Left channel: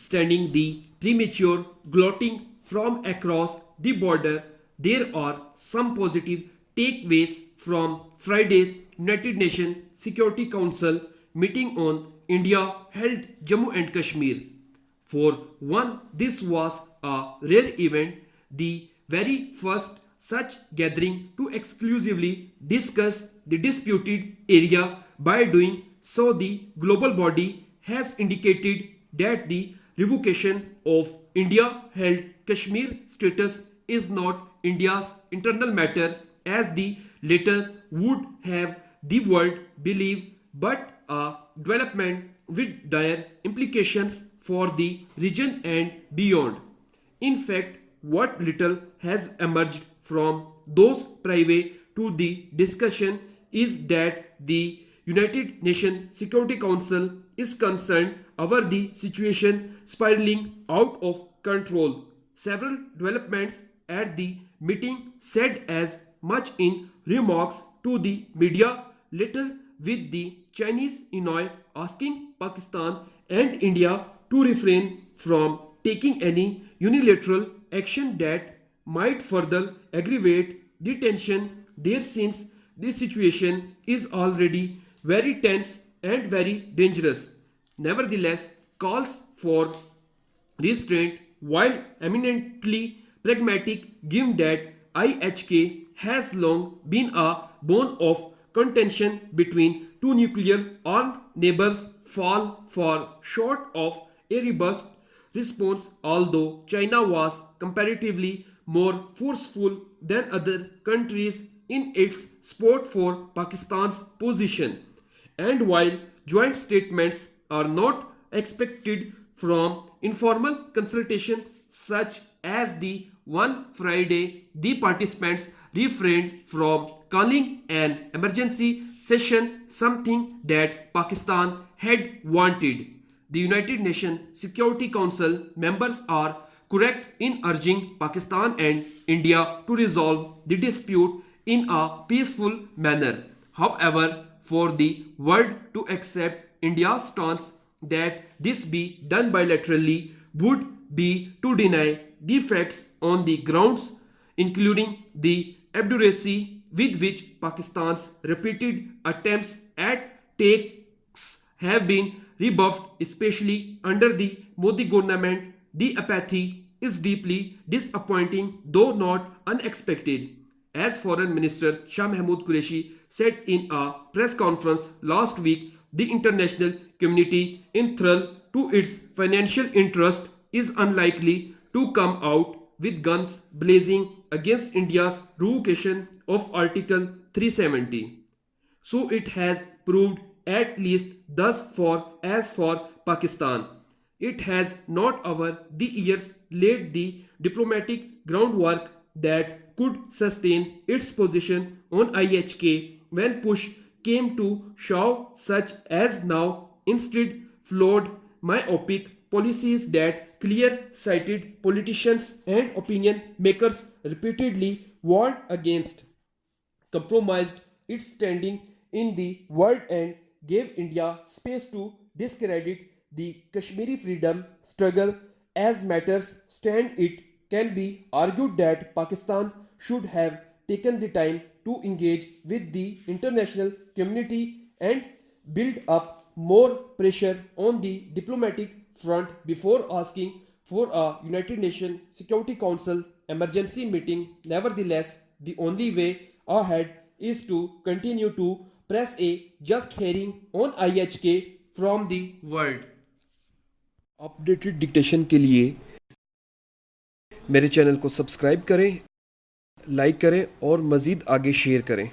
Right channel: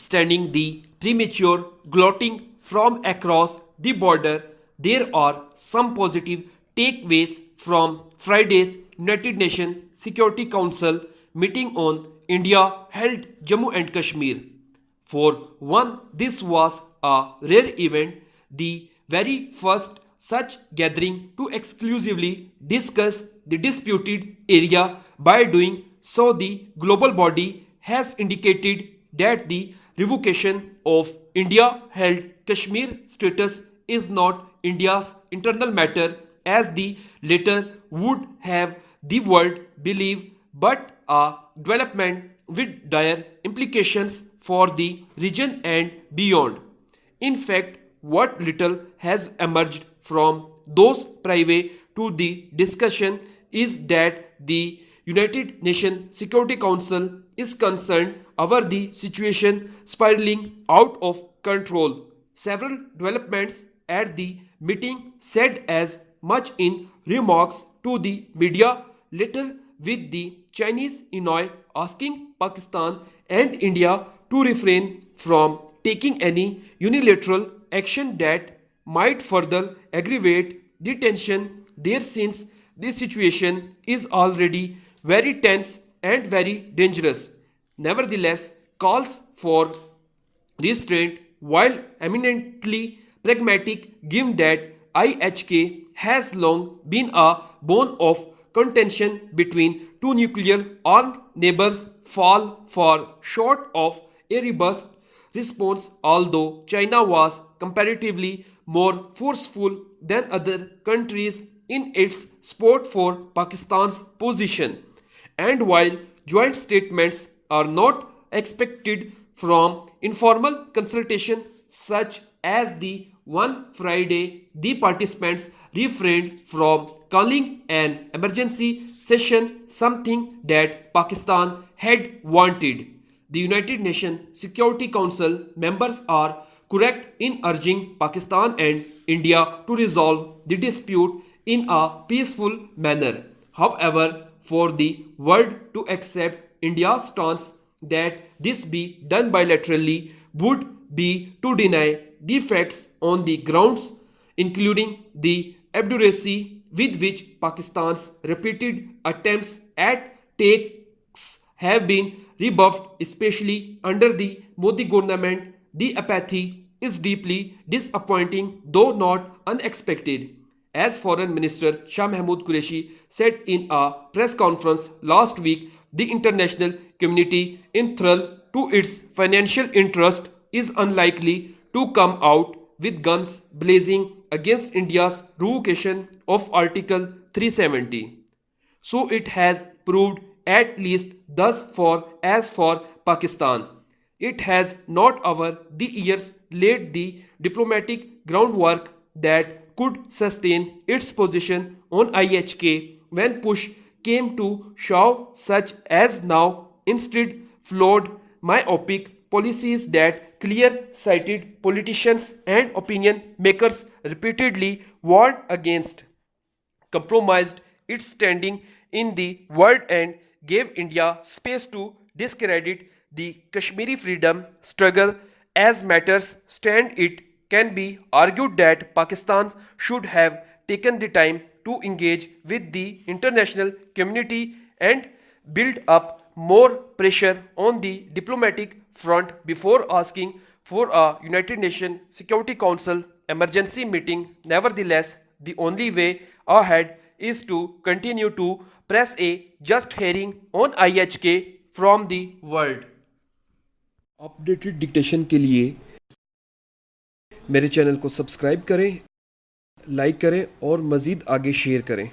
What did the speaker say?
notwithstanding the premature glotting from across the border, there are some positive takeaways from Friday's United Nations Security Council meeting on India held Jammu and Kashmir. For one, this was a rare event, the very first such gathering to exclusively discuss the disputed area. By doing so, the global body has indicated that the revocation of India-held Kashmir status is not India's internal matter, as the latter would have the world believe, but a development with dire implications for the region and beyond. In fact, what little has emerged from those prior to the discussion is that the United Nations Security Council is concerned over the situation spiraling out of control. Several developments at the meeting said as much in remarks to the media later, with the Chinese Inoi asking Pakistan and India to refrain from taking any unilateral action that might further aggravate the tension there, since the situation is already very tense and very dangerous. Nevertheless, calls for restraint, while eminently pragmatic, given that IHK has long been a bone of contention between two nuclear-armed neighbors, fall far short of a robust response, although China was comparatively more forceful than other countries in its support for Pakistan's position. And while joint statements are not expected from informal consultation such as the one Friday, the participants refrained from calling an emergency session, something that Pakistan had wanted. The United Nations Security Council members are correct in urging Pakistan and India to resolve the dispute in a peaceful manner. However, for the world to accept India's stance that this be done bilaterally would be to deny the facts on the grounds, including the obduracy with which Pakistan's repeated attempts at takes have been rebuffed, especially under the Modi government. The apathy is deeply disappointing, though not unexpected. As Foreign Minister Shah Mahmood Qureshi said in a press conference last week, the international community, enthralled to its financial interest, is unlikely to come out with guns blazing against India's revocation of Article 370. So it has proved, at least thus far. As for Pakistan, it has not over the years laid the diplomatic groundwork that could sustain its position on IHK when push came to shove, such as now. Instead, flawed, myopic policies that clear-sighted politicians and opinion makers repeatedly warned against compromised its standing in the world and gave India space to discredit the Kashmiri freedom struggle. As matters stand, it can be argued that Pakistan should have taken the time to engage with the international community and build up more pressure on the diplomatic front before asking for a United Nations Security Council emergency meeting. Nevertheless, the only way ahead is to continue to press a just hearing on IHK from the world. Updated dictation के लिए मेरे channel को subscribe करें, like करें और मज़ीद आगे share करें।